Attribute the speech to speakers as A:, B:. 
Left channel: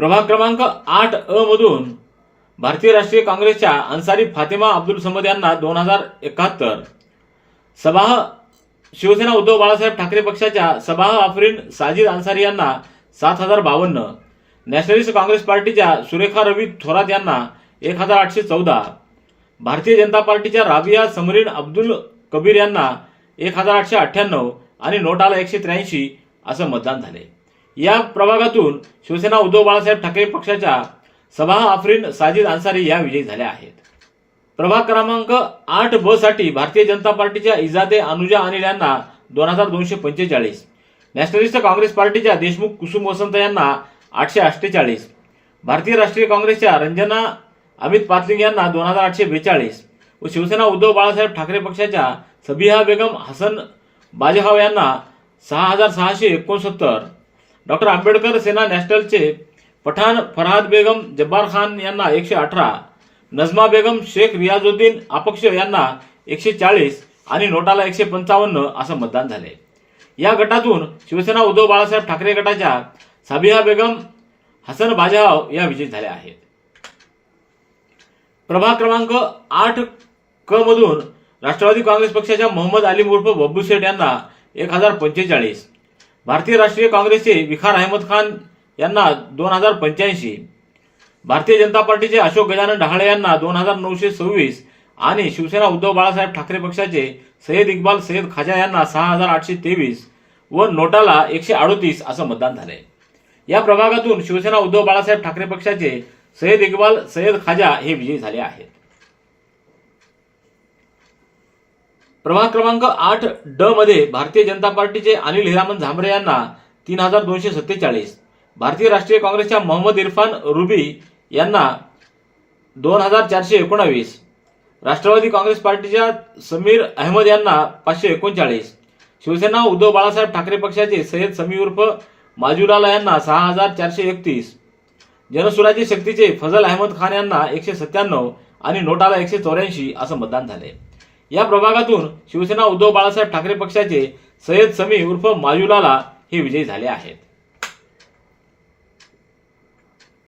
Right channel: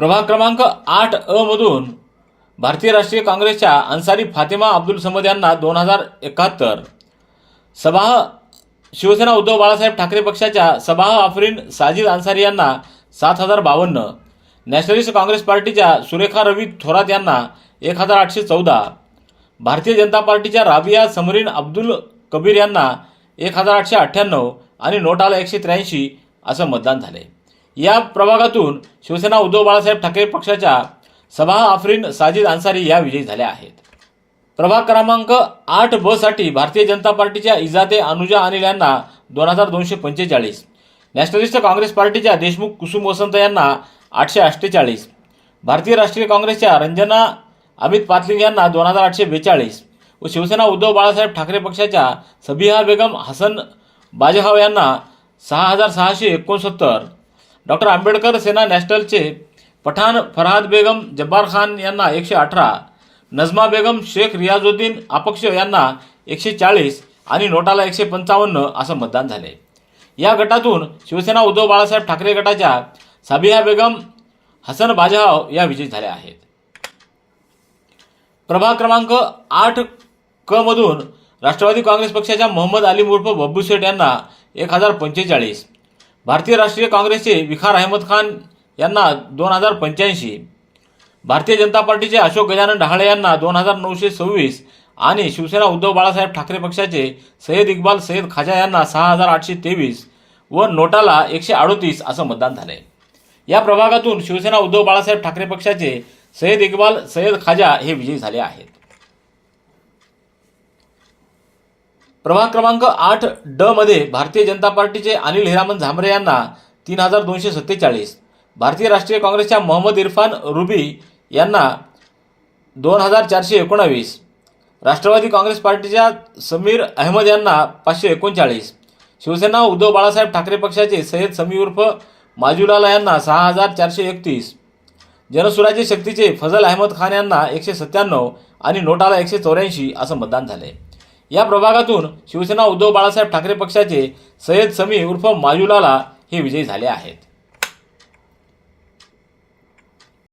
A: प्रभाग क्रमांक आठ अ मधून भारतीय राष्ट्रीय काँग्रेसच्या अन्सारी फातिमा अब्दुल समद यांना दोन हजार एकाहत्तर. सभा शिवसेना उद्धव बाळासाहेब ठाकरे पक्षाच्या सभा आफरीन साजिद अन्सारी यांना सात हजार बावन्न. नॅशनलिस्ट काँग्रेस पार्टीच्या सुरेखा रवी थोरात यांना एक हजार आठशे चौदा. भारतीय जनता पार्टीच्या राबिया समरीन अब्दुल कबीर यांना एक हजार आठशे अठ्ठ्याण्णव आणि नोटाला एकशे त्र्याऐंशी असं मतदान झाले. या प्रभागातून शिवसेना उद्धव बाळासाहेब ठाकरे पक्षाच्या सभा आफरीन साजिद अन्सारी या विजयी झाल्या आहेत. प्रभाग क्रमांक आठ ब साठी भारतीय जनता पार्टीच्या इजाते अनुजा अनिल यांना दोन हजार दोनशे पंचेचाळीस नॅशनलिस्ट काँग्रेस पार्टीच्या देशमुख कुसुम वसंत यांना आठशे अठ्ठेचाळीस भारतीय राष्ट्रीय काँग्रेसच्या रंजना अमित पातलिंग यांना दोन हजार आठशे बेचाळीस व शिवसेना उद्धव बाळासाहेब ठाकरे पक्षाच्या सबिहा बेगम हसन बाजेहाव यांना सहा हजार सहाशे एकोणसत्तर डॉक्टर आंबेडकर सेना नॅशनलचे पठाण फरहाद बेगम जब्बार खान यांना एकशे अठरा नजमा बेगम शेख रियाजुद्दीन अपक्ष यांना एकशे चाळीस आणि नोटाला एकशे पंचावन्न असं मतदान झाले. या गटातून शिवसेना उद्धव बाळासाहेब ठाकरे गटाच्या साबिहा बेगम हसन बाजाव या विजयी झाल्या आहेत. प्रभाग क्रमांक आठ क मधून राष्ट्रवादी काँग्रेस पक्षाच्या मोहम्मद अली उर्फ बब्बू शेठ यांना एक हजार पंचेचाळीस भारतीय राष्ट्रीय काँग्रेसचे विखार अहमद खान यांना दोन हजार पंच्याऐंशी भारतीय जनता पार्टीचे अशोक गजानन ढाळे यांना दोन हजार नऊशे सव्वीस आणि शिवसेना उद्धव बाळासाहेब ठाकरे पक्षाचे सय्यद इक्बाल सय्यद खाजा यांना सहा हजार आठशे तेवीस व नोटाला एकशे अडोतीस असं मतदान झालंय. या प्रभागातून शिवसेना उद्धव बाळासाहेब ठाकरे पक्षाचे सय्यद इक्बाल सय्यद खाजा हे विजयी झाले आहेत. प्रभाग क्रमांक आठ ड मध्ये भारतीय जनता पार्टीचे अनिल हिरामन झांबरे यांना तीन हजार दोनशे सत्तेचाळीस. भारतीय राष्ट्रीय काँग्रेसच्या मोहम्मद इरफान रुबी यांना दोन हजार चारशे एकोणावीस. राष्ट्रवादी काँग्रेस पार्टीच्या समीर अहमद यांना पाचशे एकोणचाळीस. शिवसेना उद्धव बाळासाहेब ठाकरे पक्षाचे सय्यद समी उर्फ माजुलाला यांना सहा हजार चारशे एकतीस. जनसुराज्य शक्तीचे फजल अहमद खान यांना एकशे सत्त्याण्णव आणि नोटाला एकशे चौऱ्याऐंशी असं मतदान झालंय. या प्रभागातून शिवसेना उद्धव बाळासाहेब ठाकरे पक्षाचे सय्यद समी उर्फ माजुलाला हे विजयी झाले आहेत.